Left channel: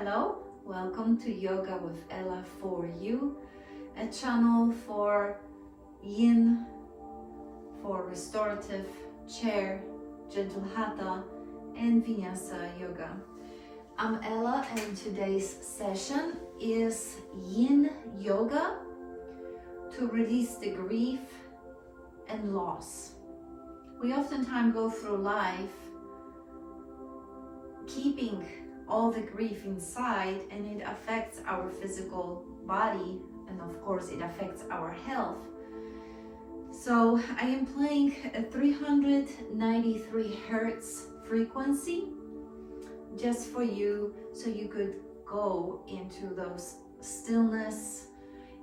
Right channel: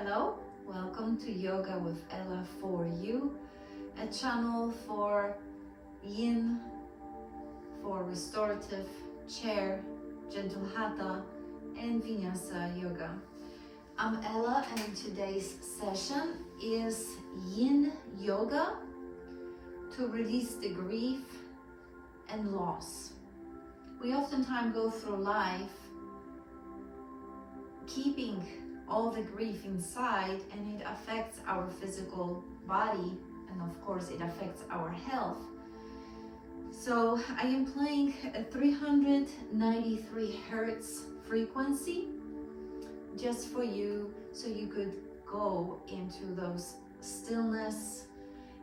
Hello, welcome to Yoga with Ella for you, a channel for Yin, for restorative, chair, gentle Hatha, and Vinyasa Yoga. I'm Ella, and today's session is Yin Yoga to release the grief and loss. We oftentimes go through life keeping all the grief inside, and it affects our physical body, and of course it affects our health. So I am playing a 393 hertz frequency just for you, so you could go into those stillness,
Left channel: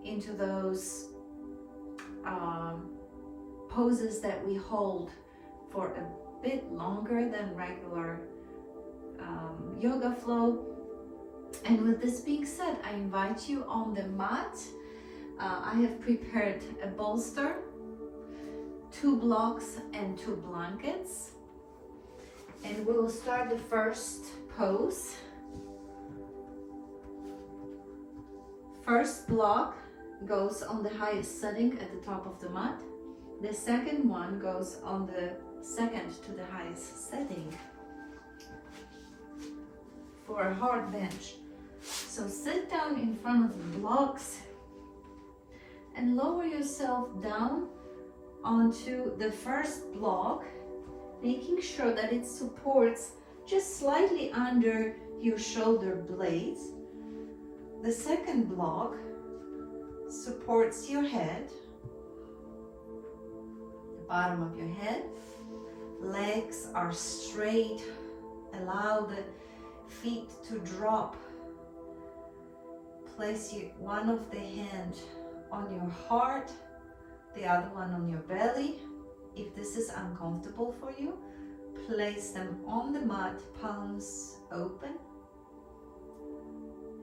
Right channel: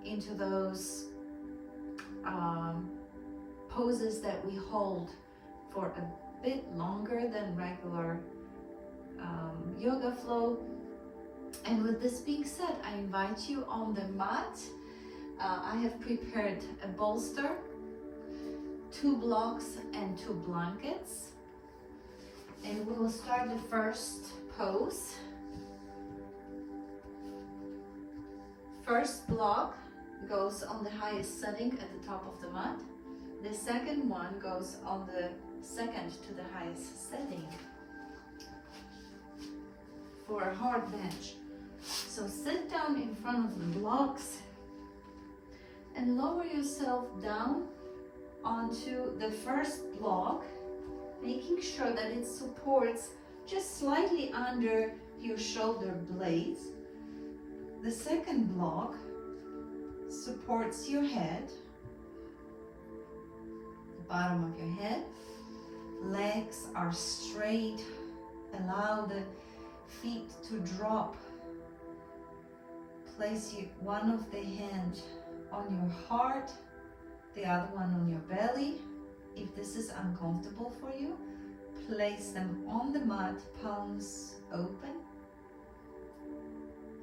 into those poses that we hold for a bit longer than regular yoga flow. And with this being said, I invite you on the mat. I have prepared a bolster, 2 blocks and 2 blankets, and we will start the first pose. First block goes on the highest setting at the top of the mat. The second one goes on the second to the highest setting for a hard bench. So sit down in front of the blocks and lower yourself down onto the first block, making sure that it supports just slightly under your shoulder blades. The second block supports your head, the bottom of your head. Legs are straight. Allow the feet to drop. Place one of the hands on your heart, the other one on your belly. If this is uncomfortable for you, place them on the mat, palms open,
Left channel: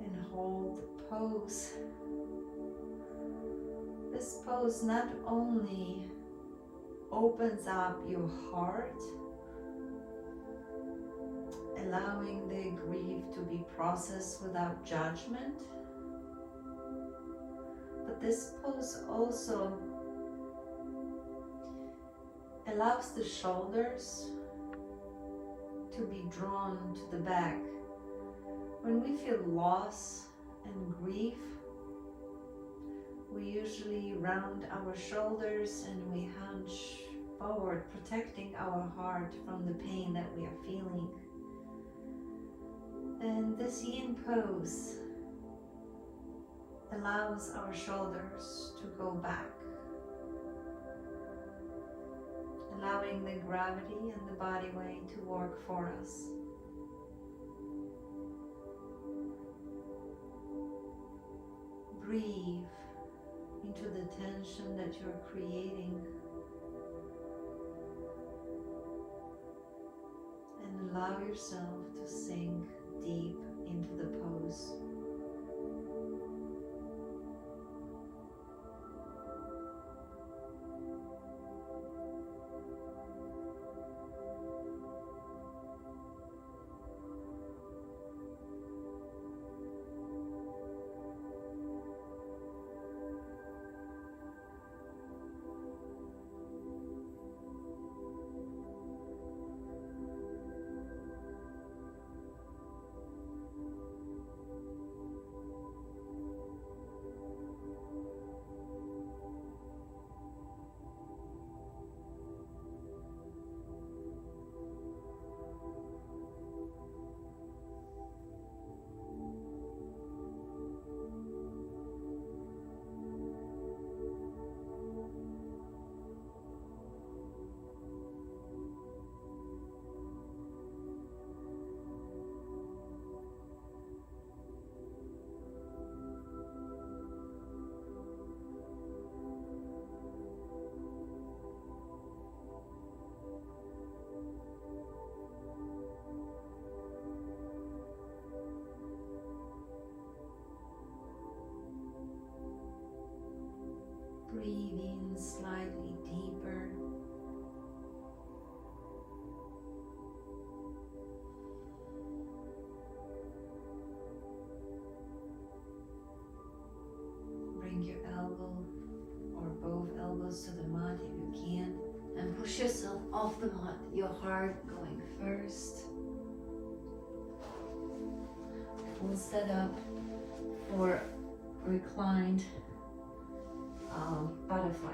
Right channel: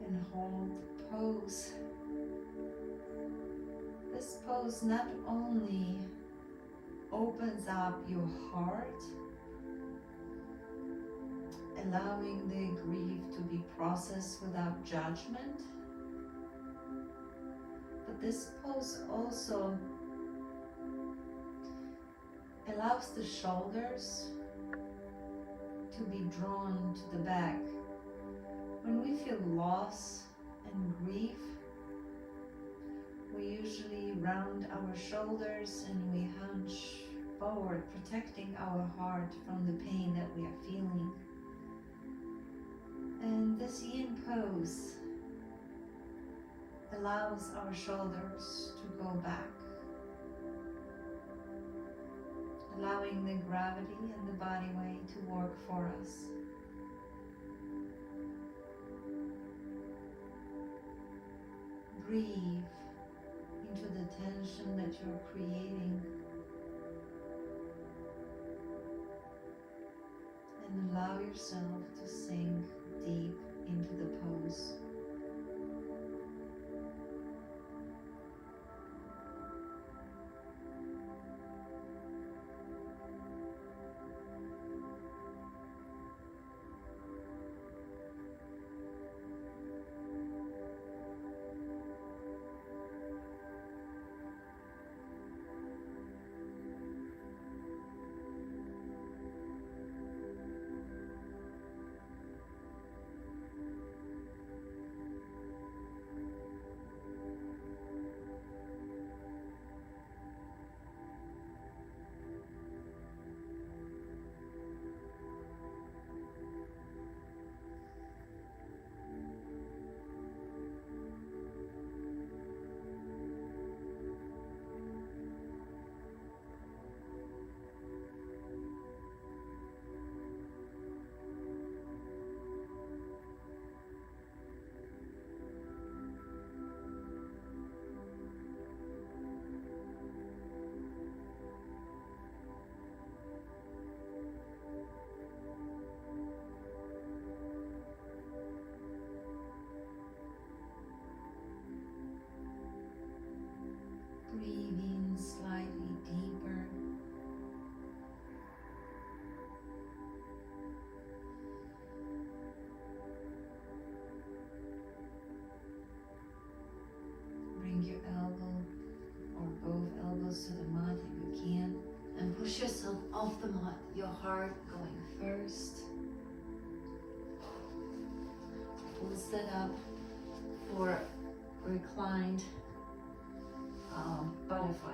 and hold the pose. This pose not only opens up your heart, allowing the grief to be processed without judgment, but this pose also allows the shoulders to be drawn to the back. When we feel loss and grief, we usually round our shoulders and we hunch forward, protecting our heart from the pain that we are feeling. And this Yin pose allows our shoulders to go back, allowing the gravity and the body weight to work for us. Breathe into the tension that you're creating, and allow yourself to sink deep into the pose. Breathe in slightly deeper. We'll set up for reclined butterfly.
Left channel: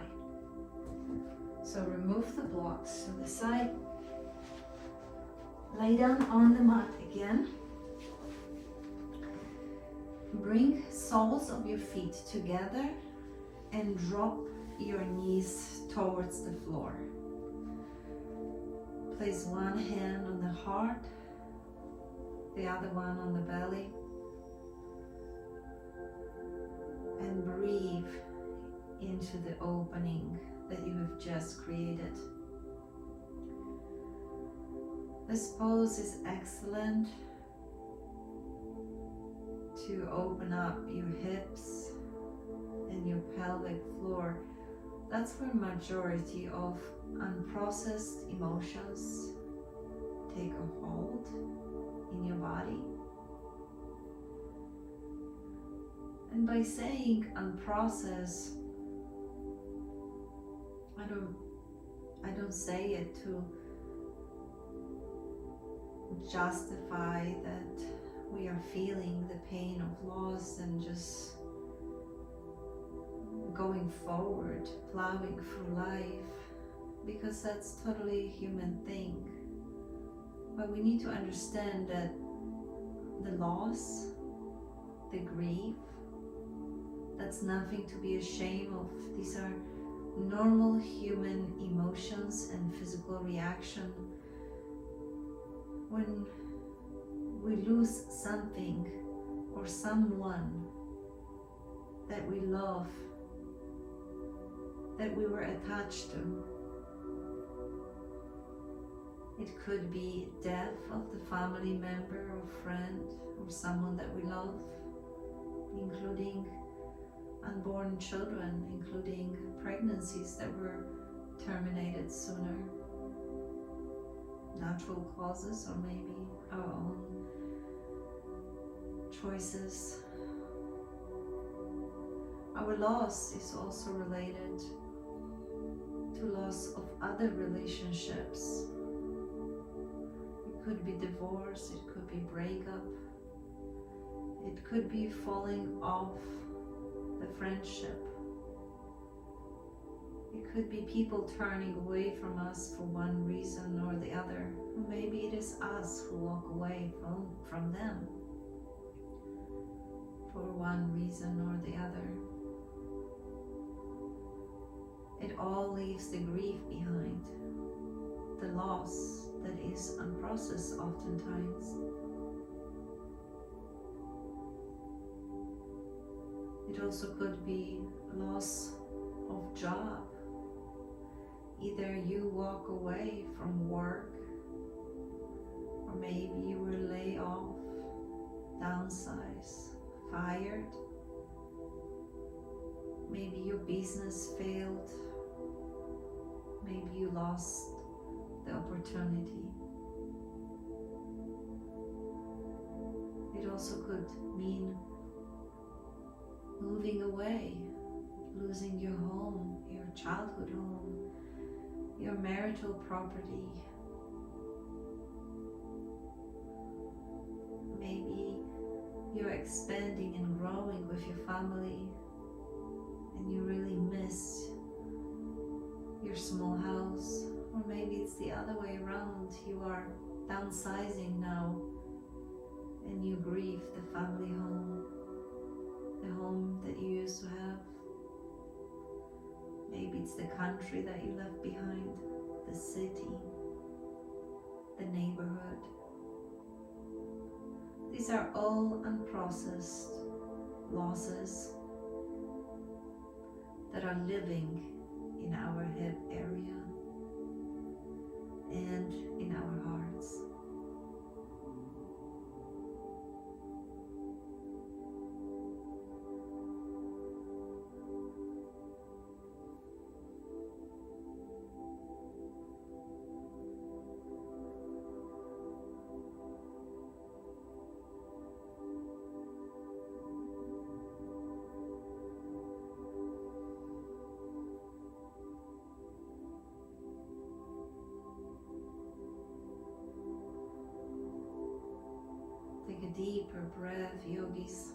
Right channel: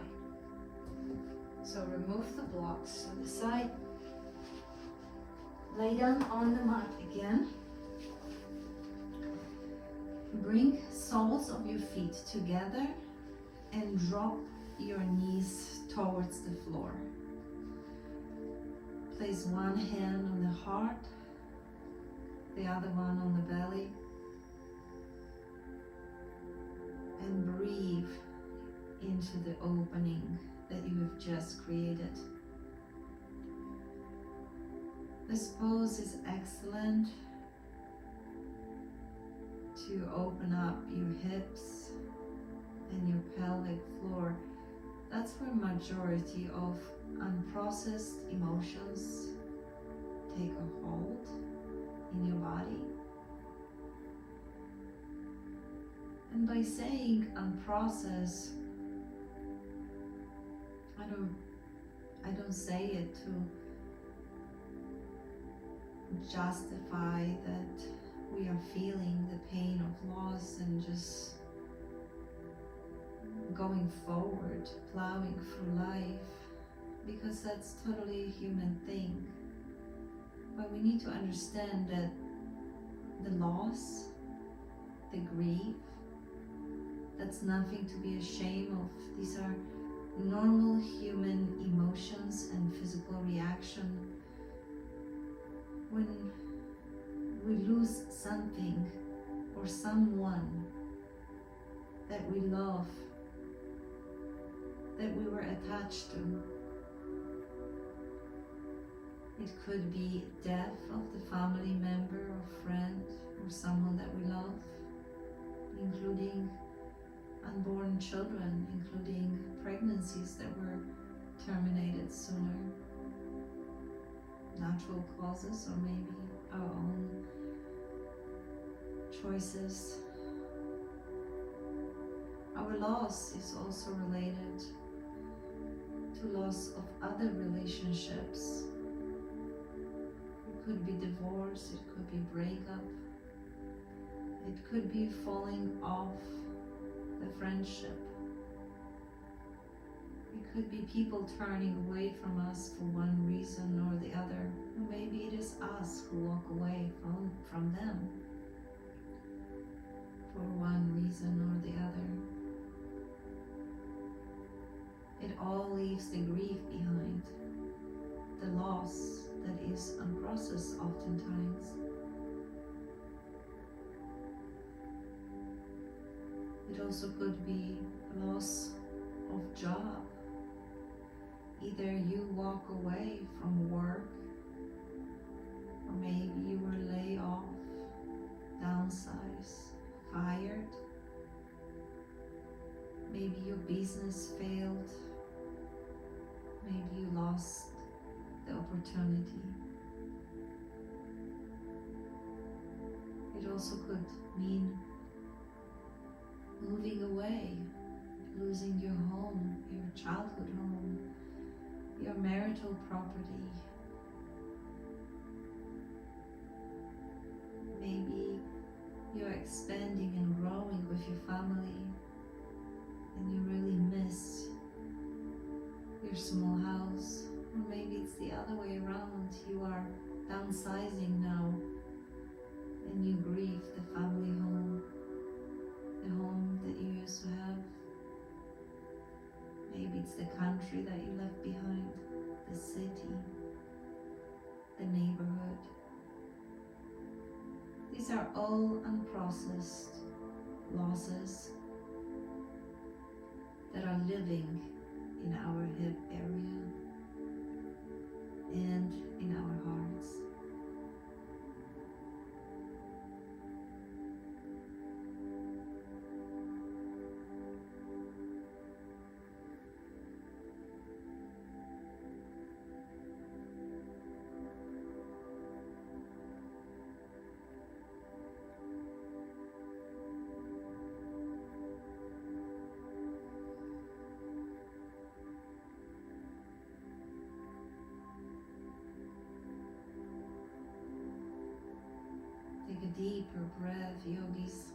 So remove the blocks to the side. Lay down on the mat again. Bring soles of your feet together and drop your knees towards the floor. Place one hand on the heart, the other one on the belly, and breathe into the opening that you have just created. This pose is excellent to open up your hips and your pelvic floor. That's where majority of unprocessed emotions take a hold in your body. And by saying unprocessed, I don't say it to justify that we are feeling the pain of loss and just going forward, plowing through life, because that's totally a human thing. But we need to understand that the loss, the grief, that's nothing to be ashamed of. These are normal human emotions and physical reaction. When we lose something or someone that we love, that we were attached to. It could be death of the family member or friend or someone that we love, including unborn children, including pregnancies that were terminated sooner, natural causes, or maybe our own choices. Our loss is also related to loss of other relationships. It could be divorce, it could be breakup, it could be falling off the friendship. It could be people turning away from us for one reason or the other. Or maybe it is us who walk away from them for one reason or the other. It all leaves the grief behind, the loss that is unprocessed oftentimes. It also could be loss of job. Either you walk away from work, or maybe you were laid off, downsized, fired. Maybe your business failed. Maybe you lost the opportunity. It also could mean moving away, losing your home, your childhood home, your marital property. Maybe you're expanding and growing with your family and you really miss your small house. Or maybe it's the other way around. You are downsizing now and you grieve the family home, the home that you used to have. Maybe it's the country that you left behind, the city, the neighborhood. These are all unprocessed losses that are living in our head area and in our hearts. deeper breath, yogis.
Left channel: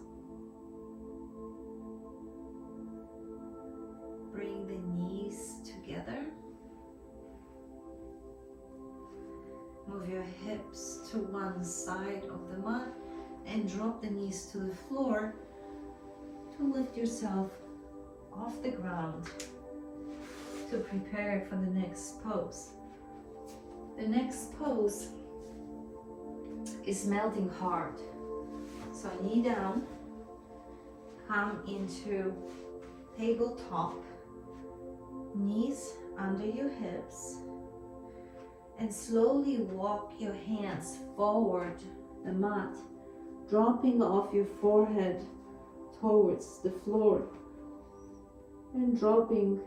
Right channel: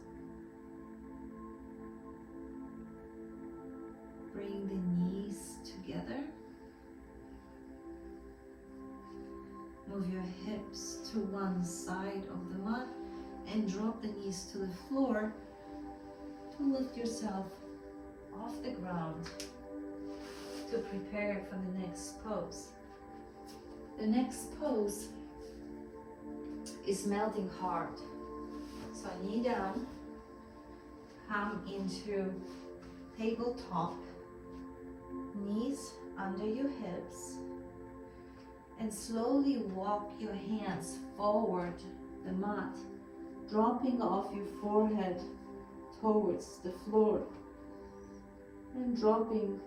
Bring the knees together. Move your hips to one side of the mat and drop the knees to the floor to lift yourself off the ground to prepare for the next pose. The next pose is melting heart. So knee down, come into tabletop, knees under your hips, and slowly walk your hands forward the mat, dropping off your forehead towards the floor and dropping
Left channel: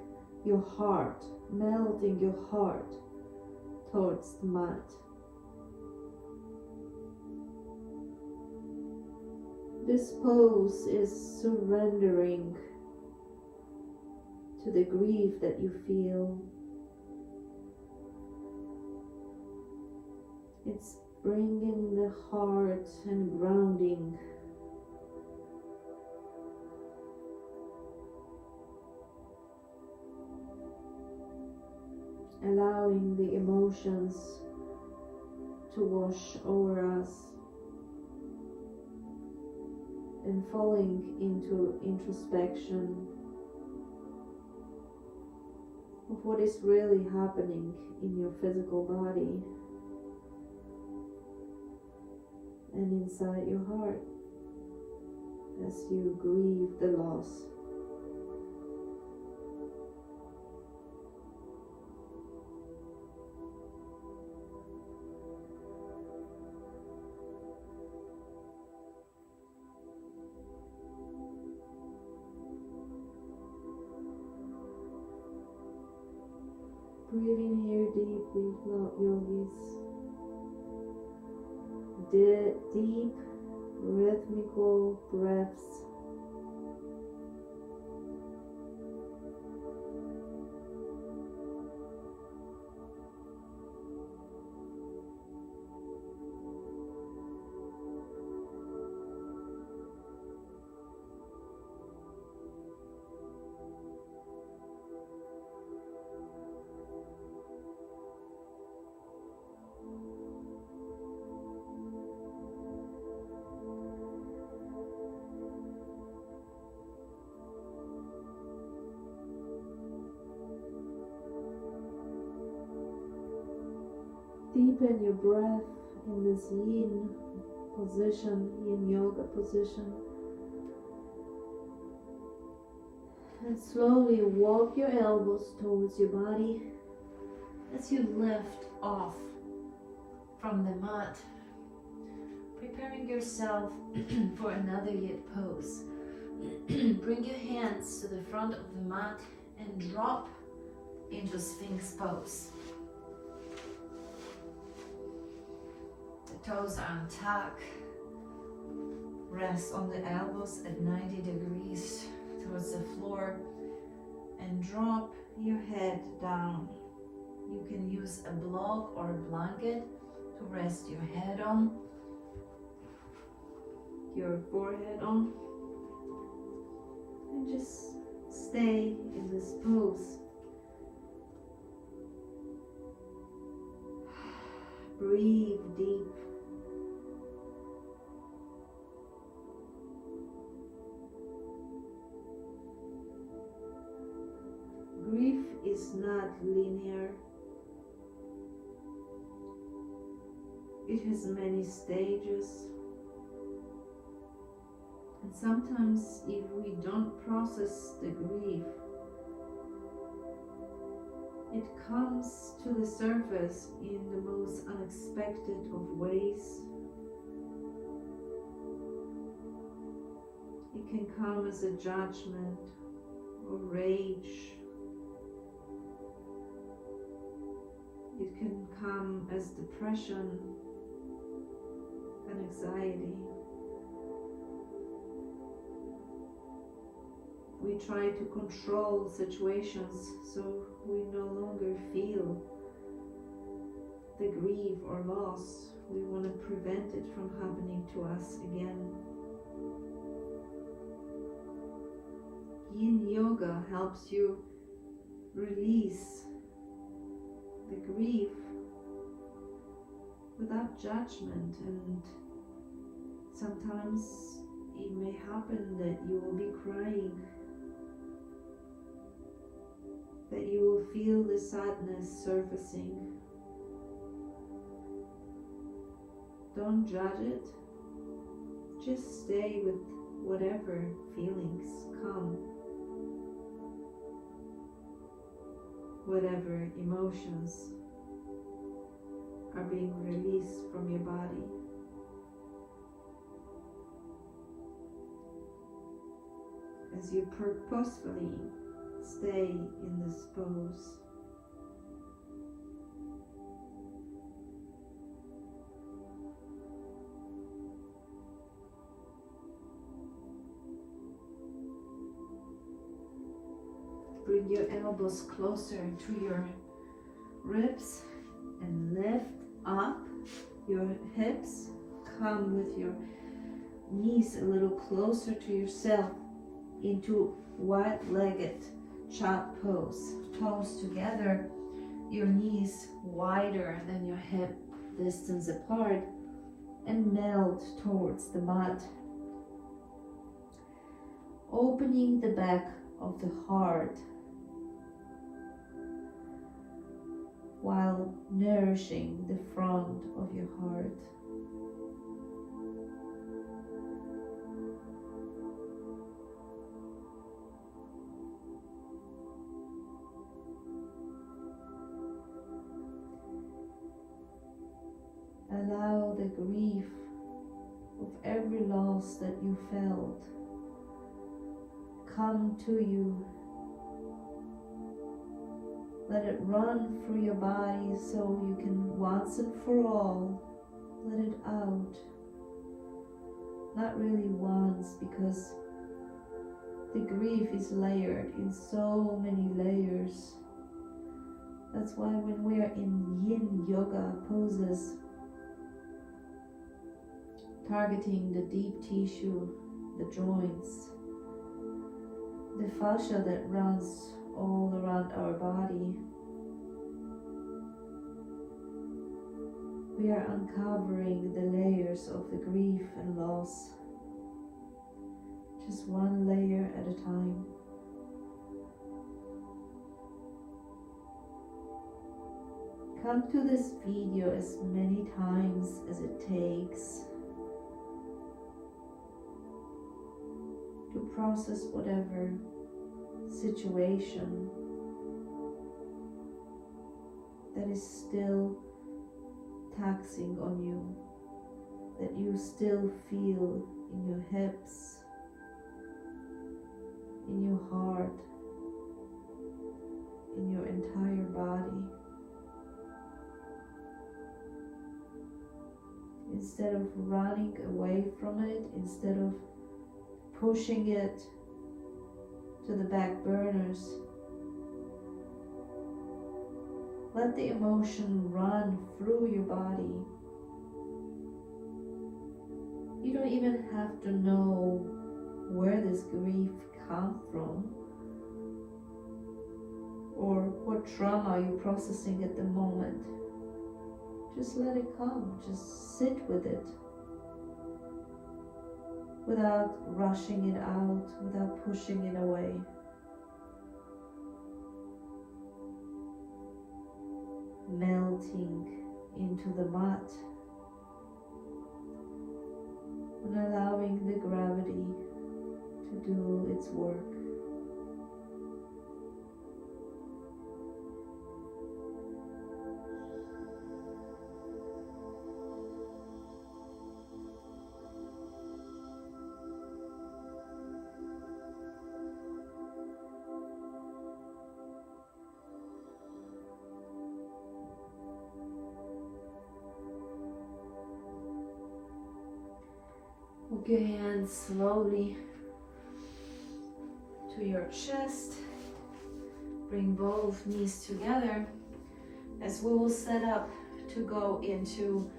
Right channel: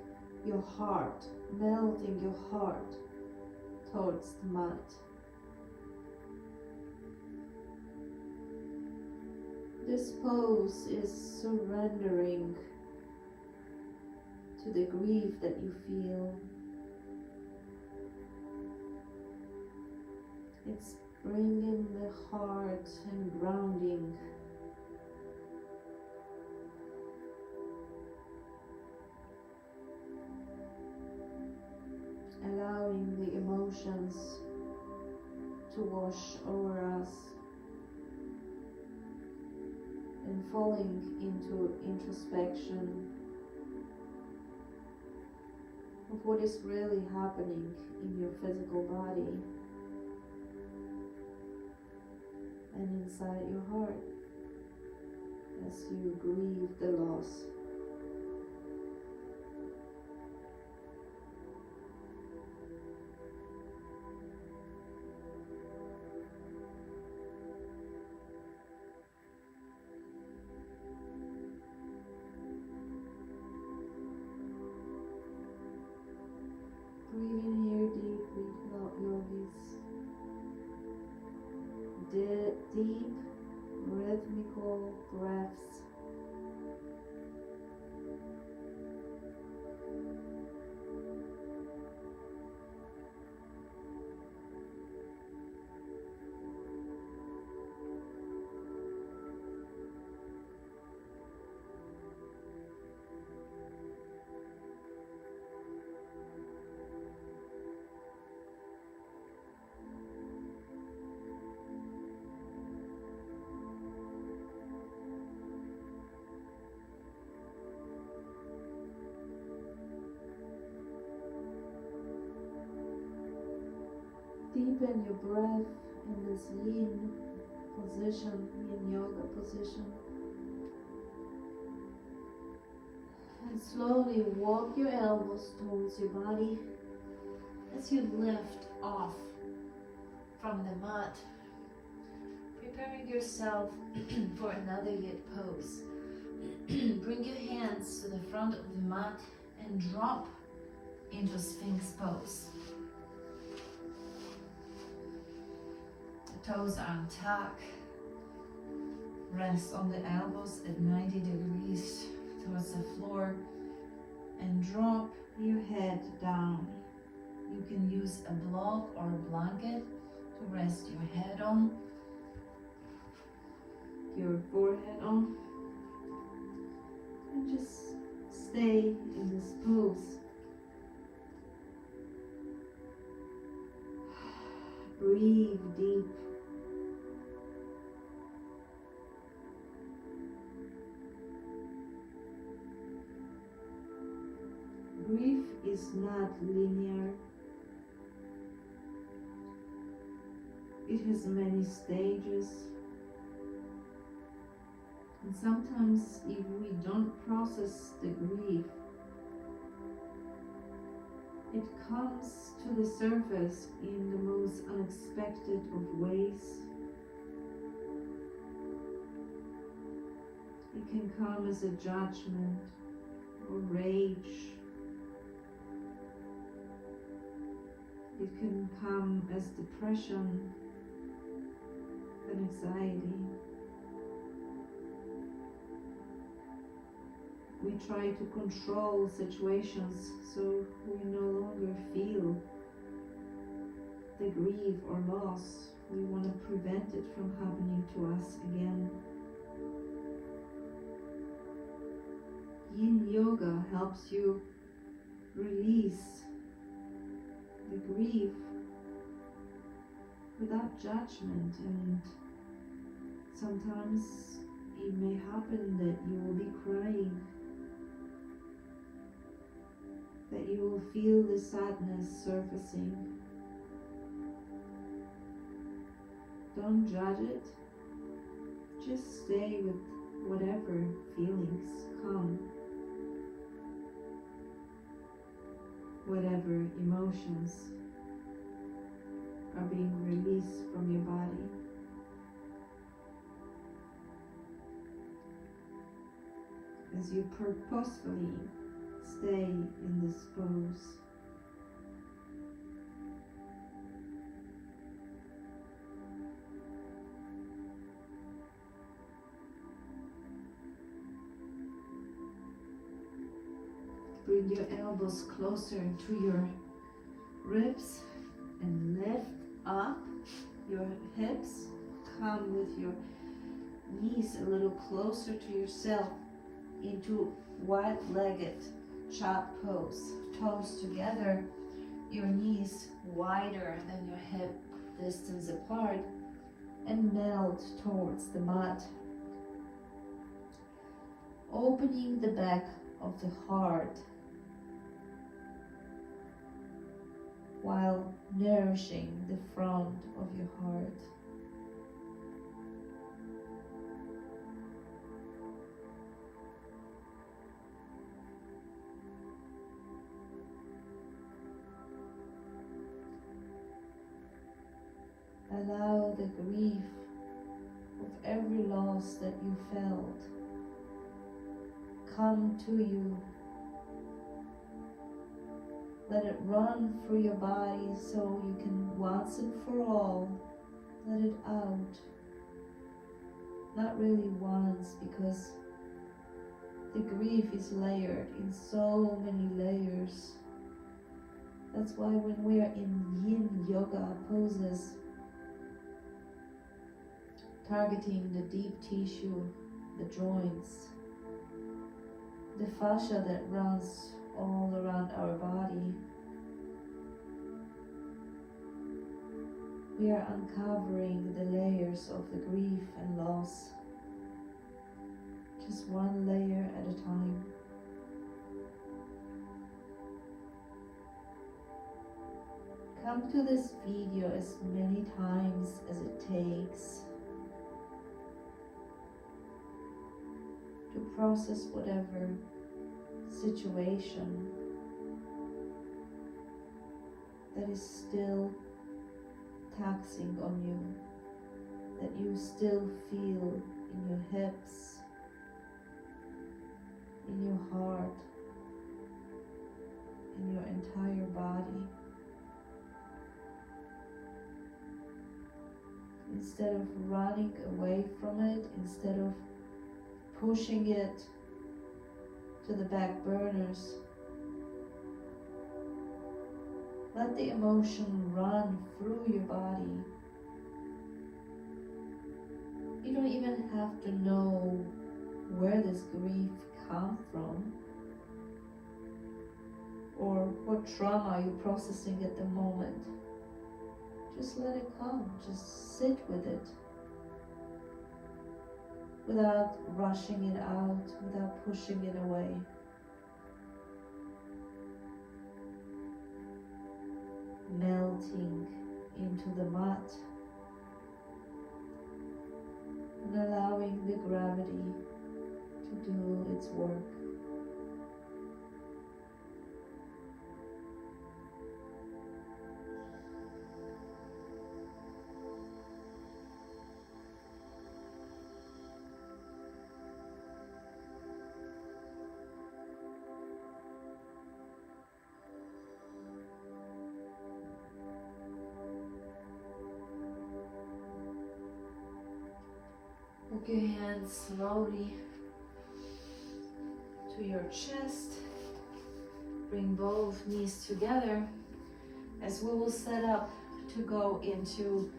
your heart, melting your heart towards the mat. This pose is surrendering to the grief that you feel. It's bringing the heart and grounding. Allowing the emotions to wash over us and falling into introspection of what is really happening in your physical body and inside your heart as you grieve the loss. Breathe in here deeply, yogis. Deep, rhythmical breaths. Deepen your breath in this Yin position, Yin Yoga position. And slowly walk your elbows towards your body as you lift off from the mat, preparing yourself for another Yin pose. Bring your hands to the front of the mat and drop into Sphinx pose. Toes are on tuck. Rest on the elbows at 90 degrees towards the floor and drop your head down. You can use a block or a blanket to rest your head on, your forehead on, and just stay in this pose. Breathe deep. Grief is not linear. It has many stages. And sometimes if we don't process the grief, it comes to the surface in the most unexpected of ways. It can come as a judgment or rage. It can come as depression and anxiety. We try to control situations so we no longer feel the grief or loss We want to prevent it from happening to us again. Yin Yoga helps you release the grief without judgment, and sometimes it may happen that you will be crying, that you will feel the sadness surfacing. Don't judge it, just stay with whatever feelings come, whatever emotions are being released from your body. As you purposefully stay in this pose. Bring your elbows closer to your ribs and lift up your hips. Come with your knees a little closer to yourself into wide-legged chop pose. Toes together, your knees wider than your hip distance apart, and melt towards the mat. Opening the back of the heart while nourishing the front of your heart. Allow the grief of every loss that you felt come to you. Let it run through your body so you can once and for all let it out. Not really once, because the grief is layered in so many layers. That's why when we are in Yin Yoga poses, targeting the deep tissue, the joints, the fascia that runs all around our body, we are uncovering the layers of the grief and loss, just one layer at a time. Come to this video as many times as it takes to process whatever situation that is still taxing on you, that you still feel in your hips, in your heart, in your entire body. Instead of running away from it, instead of pushing it to the back burners, let the emotion run through your body. You don't even have to know where this grief comes from or what trauma you're processing at the moment. Just let it come, just sit with it without rushing it out, without pushing it away. Melting into the mat and allowing the gravity to do its work. Put your hands slowly to your chest. Bring both knees together as we will set up to go into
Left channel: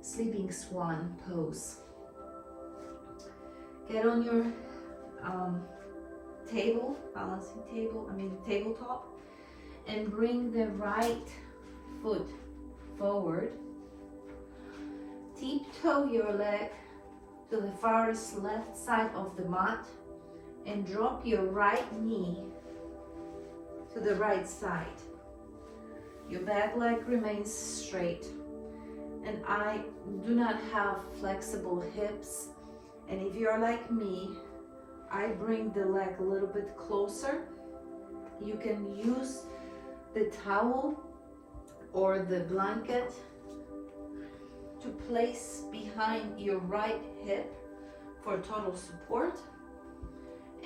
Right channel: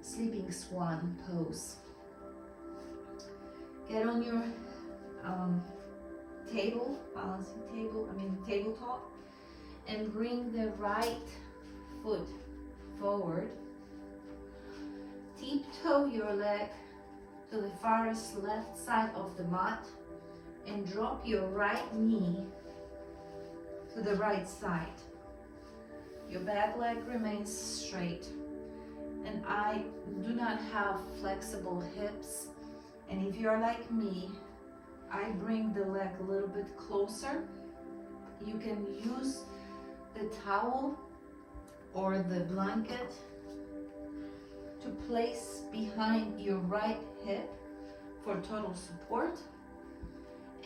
sleeping swan pose. Get on your tabletop, and bring the right foot forward. Tiptoe your leg to the farthest left side of the mat and drop your right knee to the right side. Your back leg remains straight, and I do not have flexible hips. And if you're like me, I bring the leg a little bit closer. You can use the towel or the blanket to place behind your right hip for total support.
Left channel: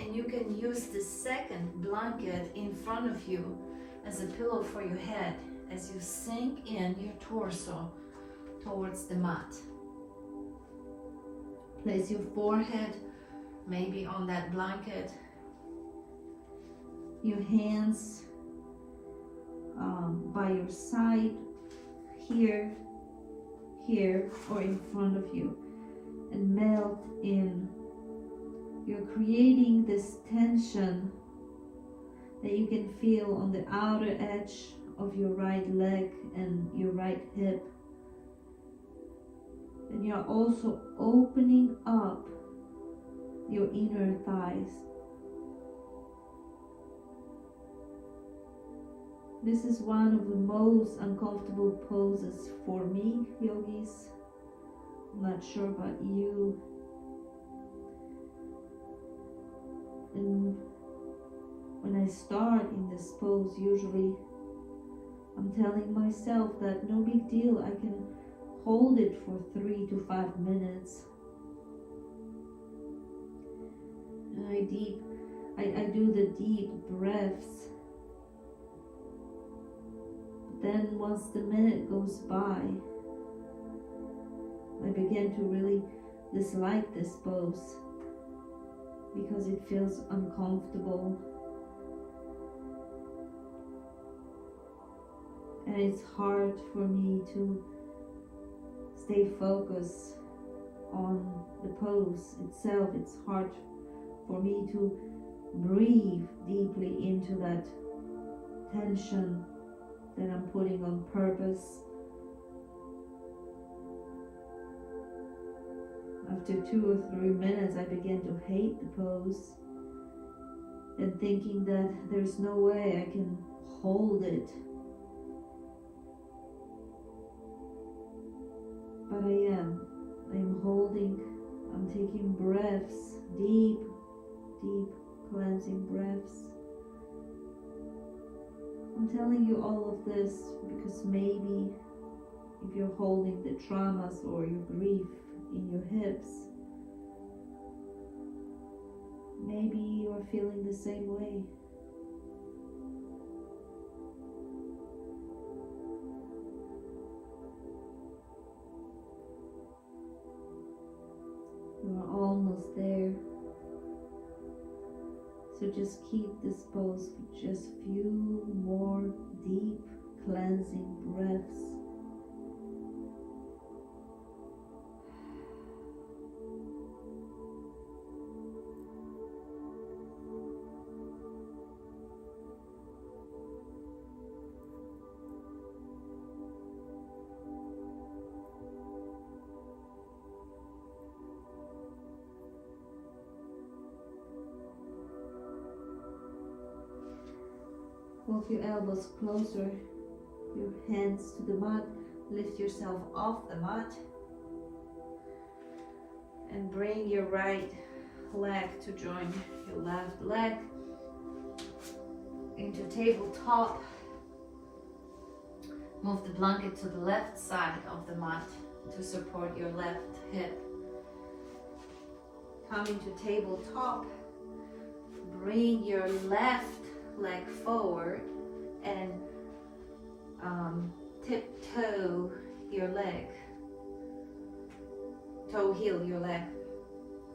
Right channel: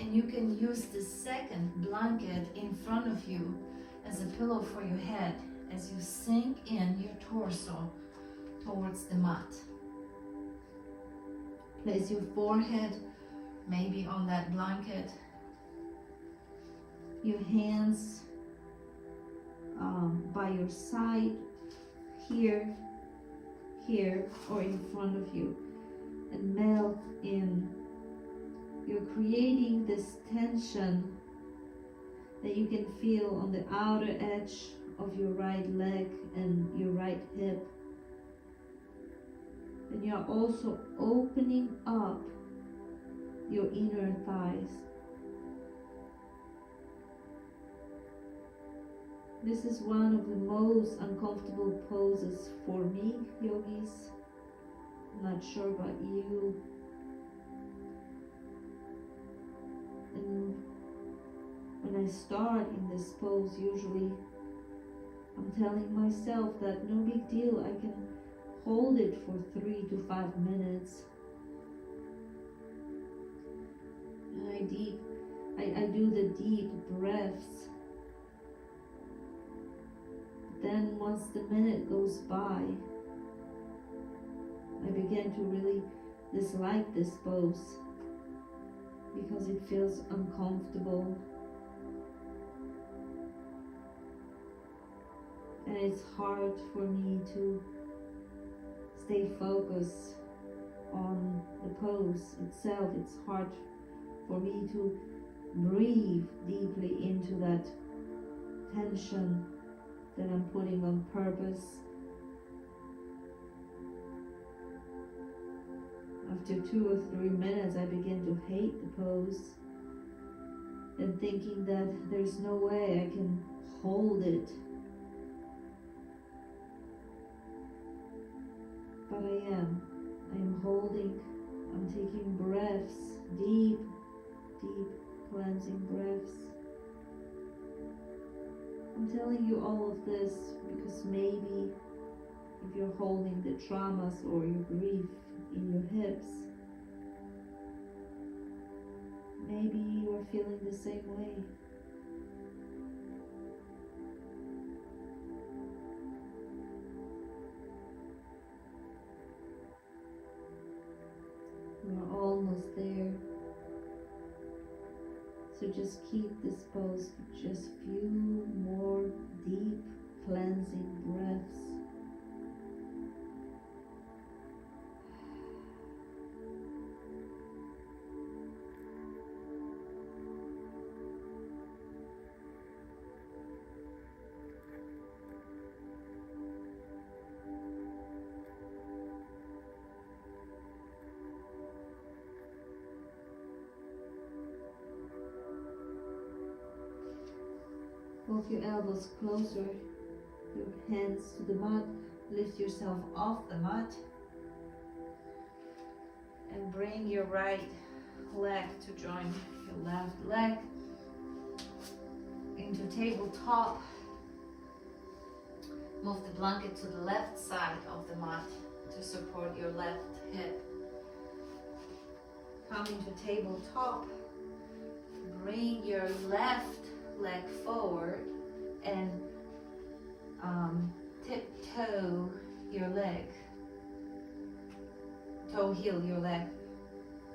And you can use the second blanket in front of you as a pillow for your head as you sink in your torso towards the mat. Place your forehead maybe on that blanket, your hands by your side, here, or in front of you, and melt in. You're creating this tension that you can feel on the outer edge of your right leg and your right hip. And you're also opening up your inner thighs. This is one of the most uncomfortable poses for me, yogis. I'm not sure about you. And when I start in this pose, usually I'm telling myself that no big deal, I can hold it for 3 to 5 minutes. And I do the deep breaths. Then once the minute goes by, I begin to really dislike this pose because it feels uncomfortable. And it's hard for me to stay focused on the pose itself. It's hard for me to breathe deeply into that tension that I'm putting on purpose. After 2 or 3 minutes, I begin to hate the pose and thinking that there's no way I can hold it. But I'm holding, I'm taking breaths, deep cleansing breaths. I'm telling you all of this because maybe if you're holding the traumas or your grief in your hips, maybe you are feeling the same way. You're almost there. So just keep this pose for just few more deep cleansing breaths. Walk your elbows closer, your hands to the mat, lift yourself off the mat, and bring your right leg to join your left leg into tabletop. Move the blanket to the left side of the mat to support your left hip. Come into tabletop, bring your left leg forward and tiptoe your leg, toe heel your leg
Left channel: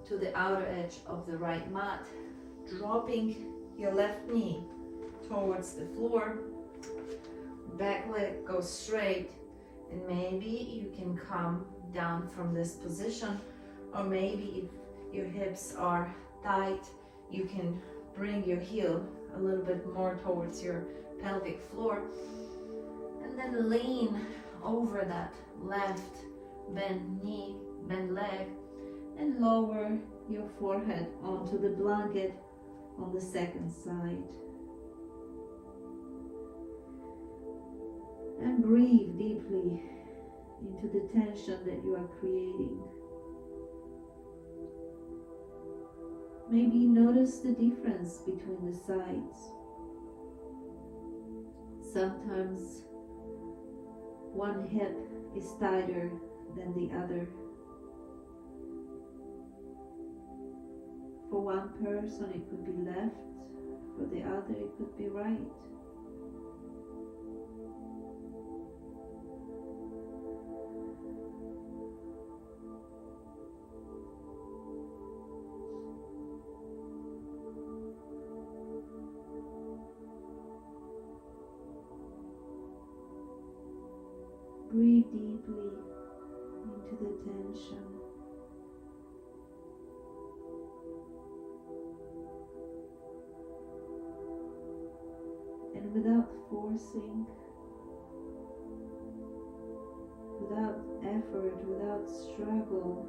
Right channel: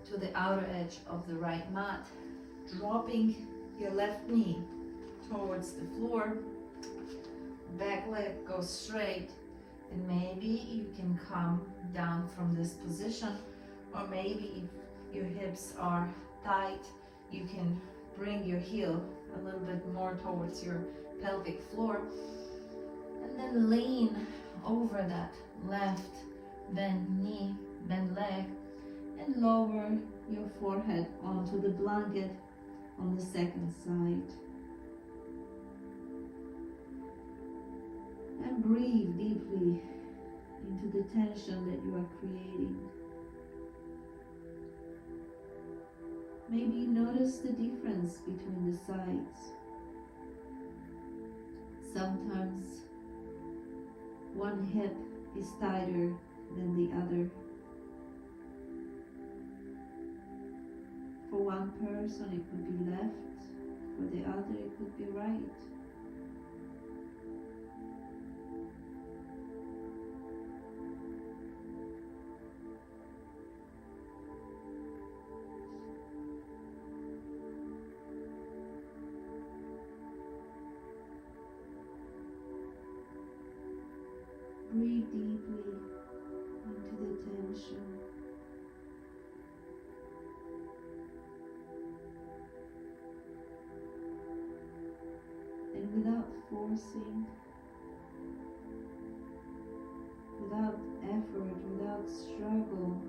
to the outer edge of the right mat, dropping your left knee towards the floor. Back leg goes straight And maybe you can come down from this position, or maybe if your hips are tight, you can bring your heel a little bit more towards your pelvic floor, and then lean over that left bent knee, bent leg, and lower your forehead onto the blanket on the second side. And breathe deeply into the tension that you are creating. Maybe notice the difference between the sides. Sometimes one hip is tighter than the other. For one person it could be left, for the other it could be right. Breathe deeply into the tension. And without forcing, without effort, without struggle,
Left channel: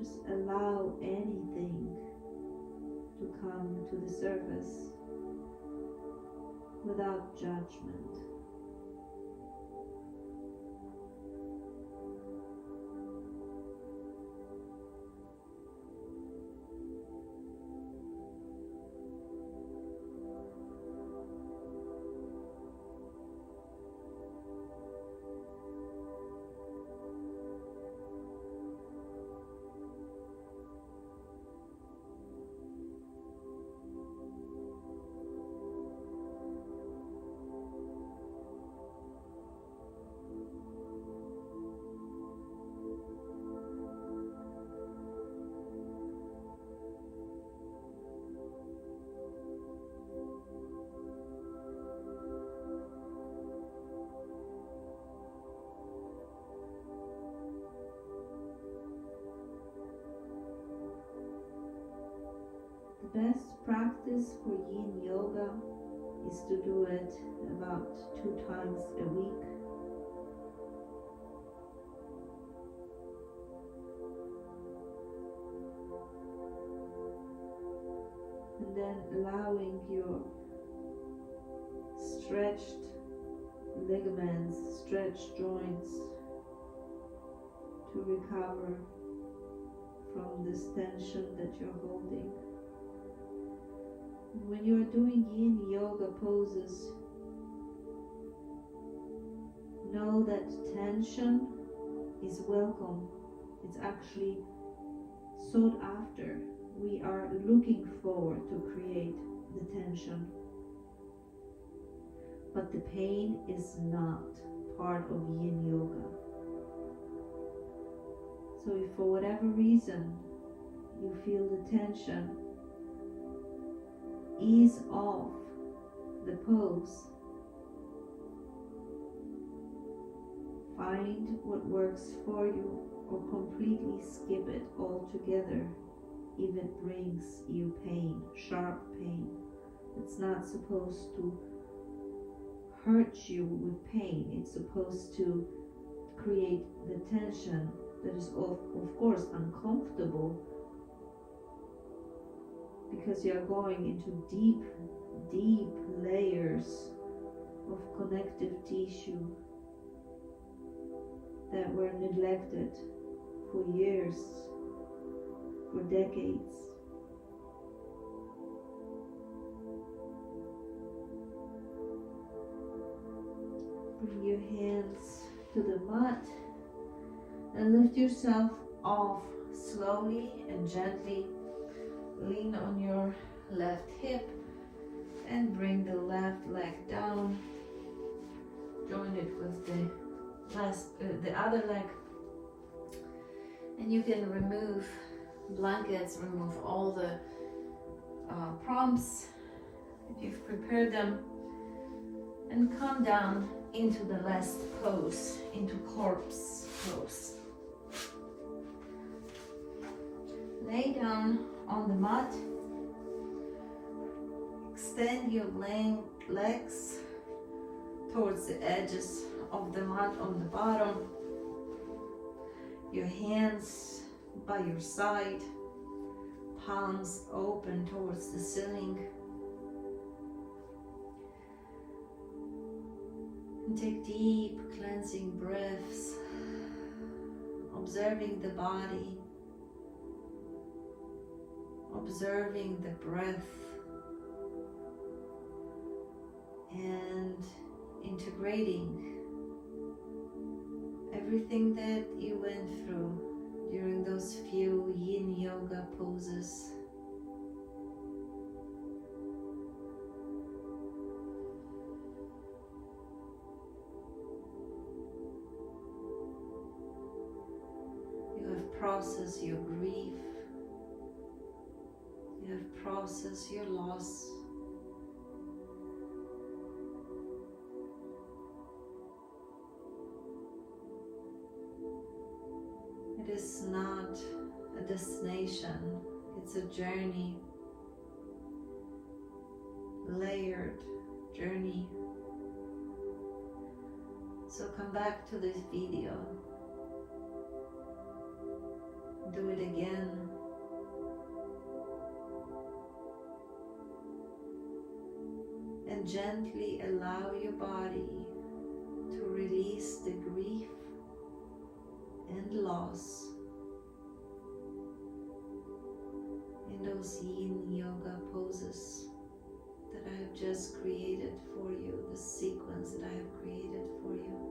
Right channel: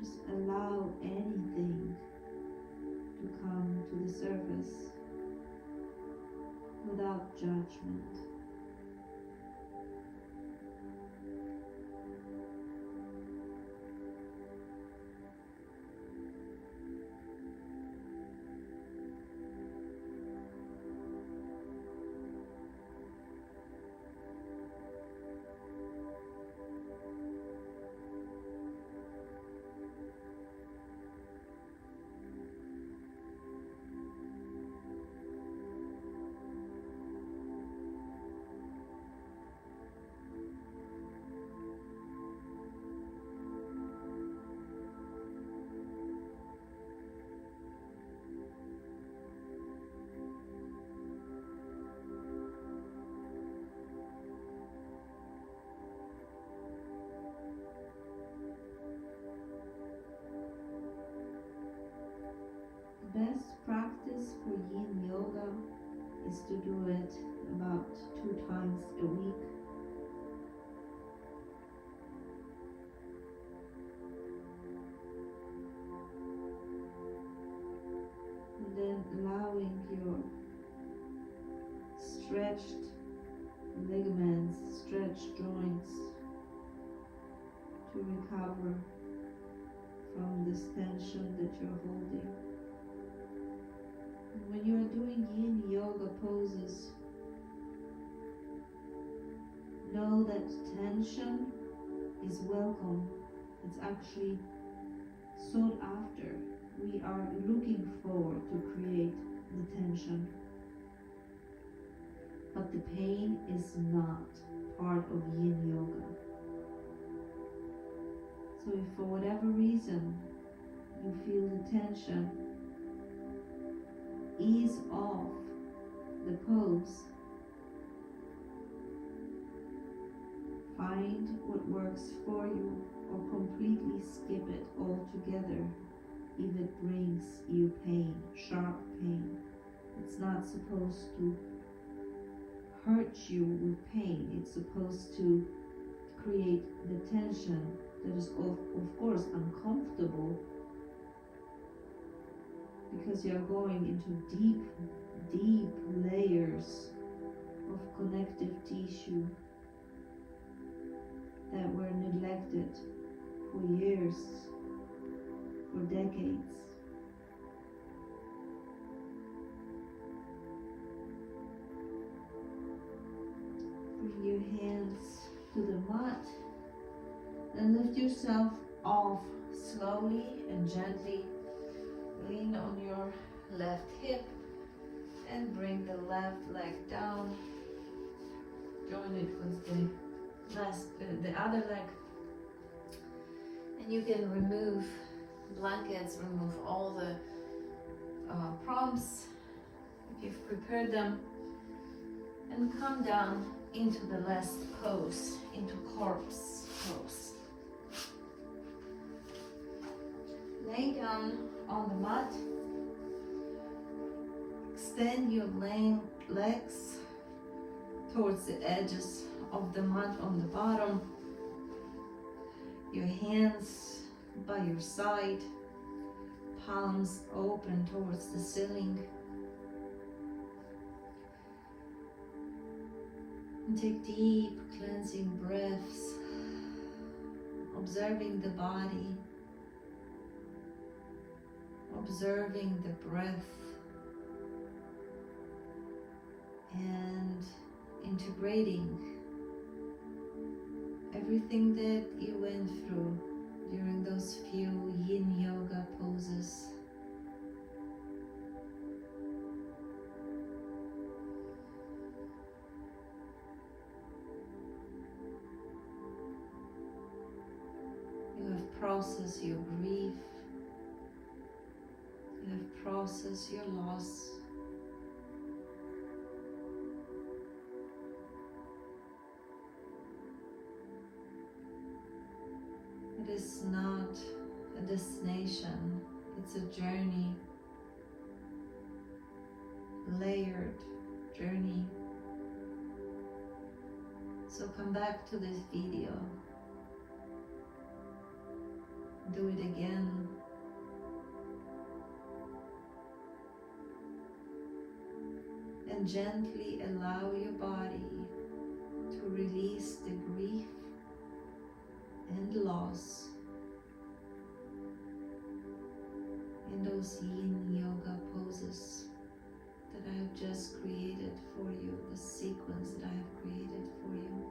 just allow anything to come to the surface without judgment. The best practice for Yin Yoga is to do it about 2 times a week. And then allowing your stretched ligaments, stretched joints to recover from this tension that you're holding. When you are doing Yin Yoga poses, know that tension is welcome. It's actually sought after. We are looking forward to create the tension. But the pain is not part of Yin Yoga. So if for whatever reason you feel the tension, ease off the pose. Find what works for you, or completely skip it altogether if it brings you pain, sharp pain. It's not supposed to hurt you with pain. It's supposed to create the tension that is of course uncomfortable, because you're going into deep layers of connective tissue that were neglected for years, for decades. Bring your hands to the mat and lift yourself off slowly and gently. Lean on your left hip and bring the left leg down. Join it with the other leg. And you can remove blankets, remove all the prompts if you've prepared them, and come down into the last pose, into corpse pose. Lay down on the mat. Extend your legs towards the edges of the mat on the bottom. Your hands by your side, palms open towards the ceiling. And take deep cleansing breaths, observing the body, observing the breath, and integrating everything that you went through during those few Yin Yoga poses. You have processed your grief. You have processed your loss. It is not a destination, it's a journey, layered journey. So come back to this video, do it again. And gently allow your body to release the grief and loss in those Yin Yoga poses that I have just created for you, the sequence that I have created for you.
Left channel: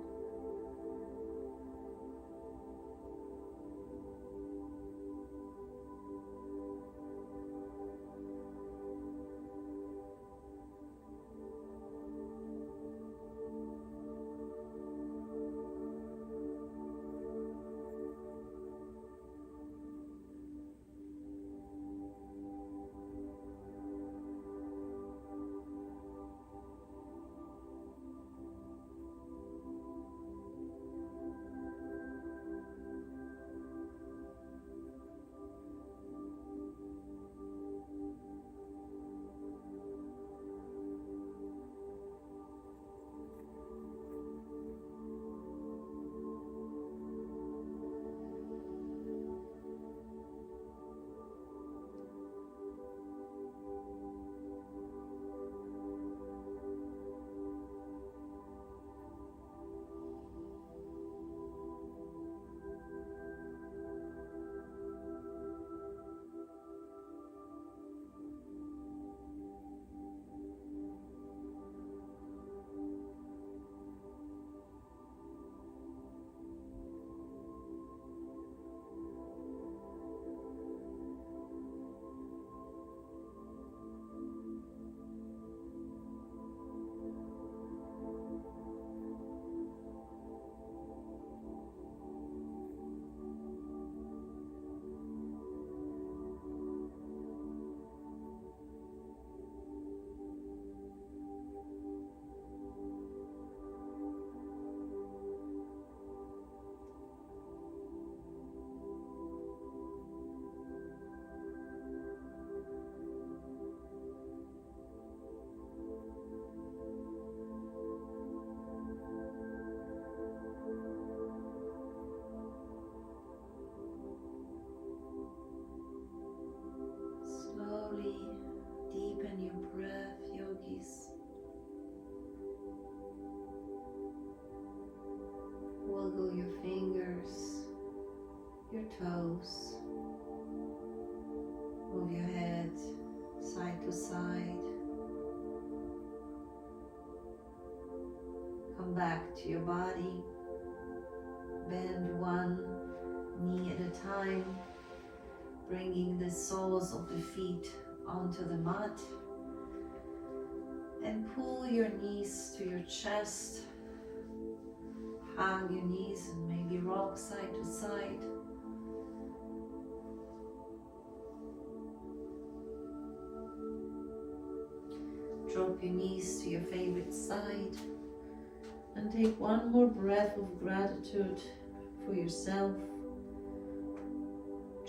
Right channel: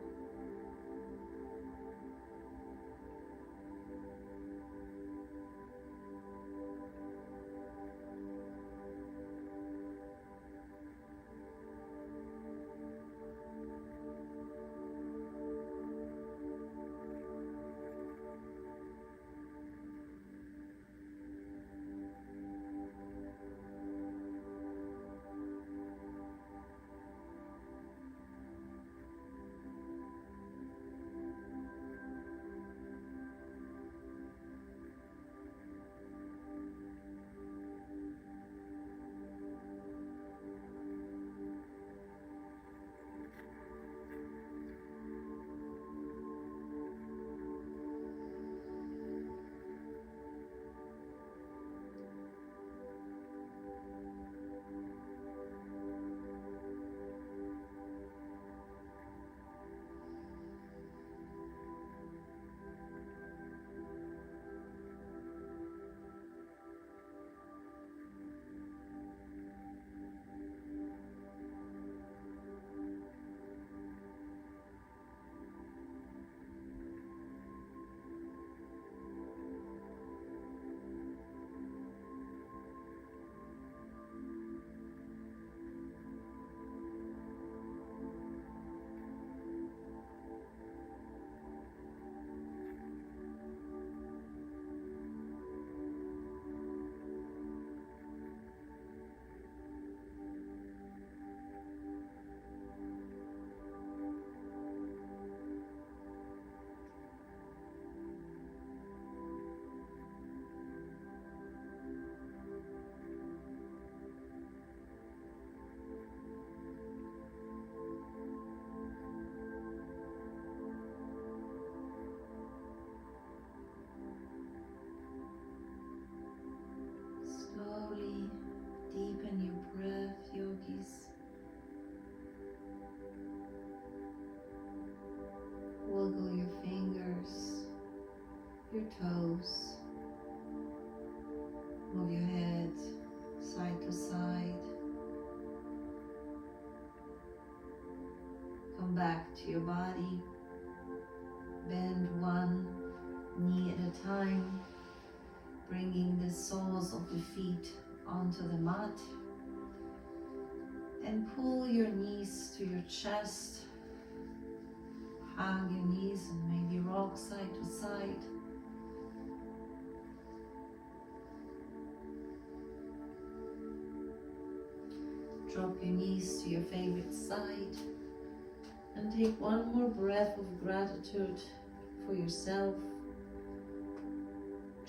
Deepen your breath, yogis. Wiggle your fingers, your toes. Move your head side to side. Come back to your body. Bend one knee at a time, bringing the soles of the feet onto the mat, and pull your knees to your chest. Hug your knees and maybe rock side to side. Drop your knees to your favorite side And take one more breath of gratitude for yourself,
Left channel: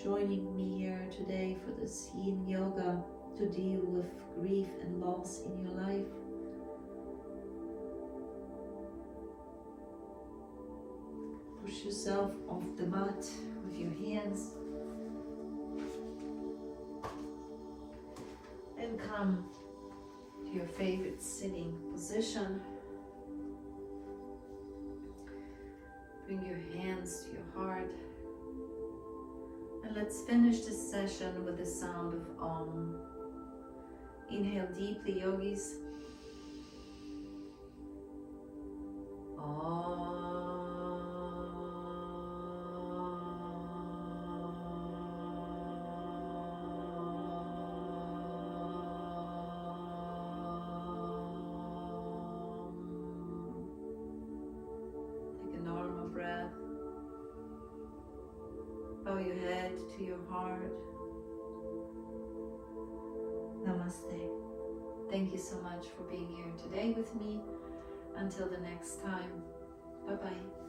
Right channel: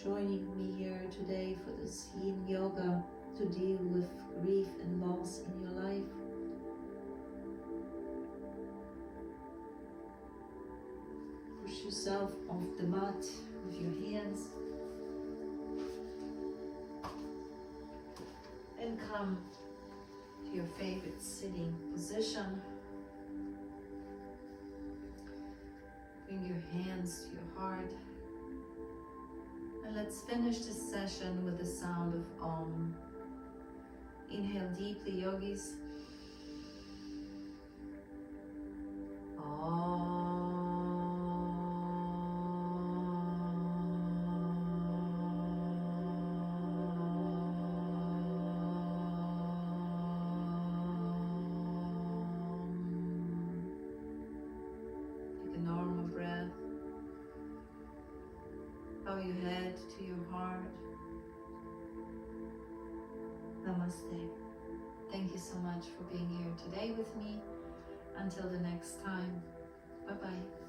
joining me here today for this Yin Yoga to deal with grief and loss in your life. Push yourself off the mat with your hands and come to your favorite sitting position. Bring your hands to your heart. And let's finish this session with the sound of Om. Inhale deeply, yogis. Bow your head to your heart. Namaste. Thank you so much for being here today with me. Until the next time. Bye-bye.